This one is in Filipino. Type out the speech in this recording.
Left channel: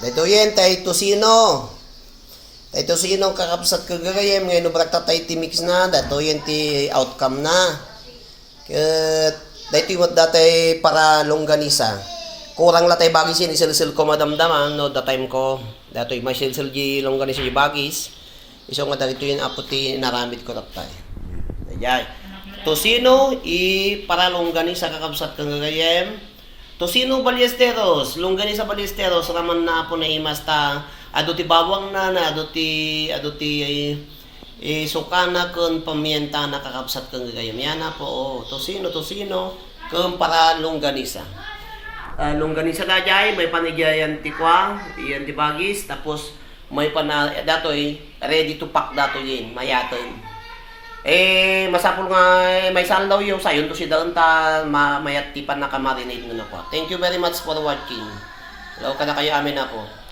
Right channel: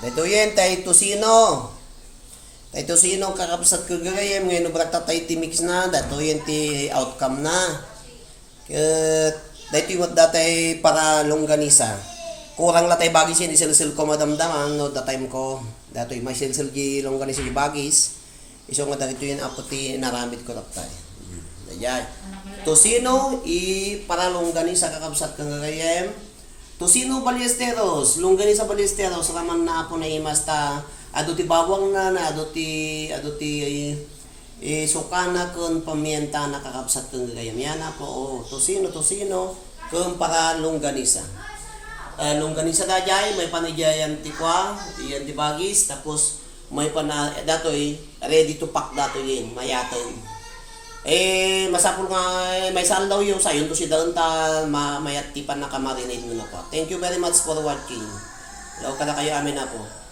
Dito yan, tayo tosino. Tayo tosino, kakapsat ko gagayam. Ngayon, nubrak tayo mix na. Dito yan, ti outcome na. Dito yung datay para longganisa. Kurang latay bagis yan, isil-sil ko madamdaman. No, the time ko. Dito yung may sil-sil di longganisa yung bagis. Iso nga dito yung aputi naramid ko tapay. Ayan. Tosino, para longganisa kakapsat ko gagayam. Tosino Ballesteros, longganisa Ballesteros, raman na po na imasta, aduti bawang na, aduti sukana kun pamienta na kakapsat kung gagayam. Yan na po, tosino, kung para longganisa. Longganisa na dyan, may panigyayan tikwa, yan tibagis, tapos may datoy, ready to pack dato yun, mayatoy. Masapul nga, may salaw yung sayon to si Dalanta, mayat tipan na kamarinate mo na po. Thank you very much for watching. Hello ka na kayo amin na po.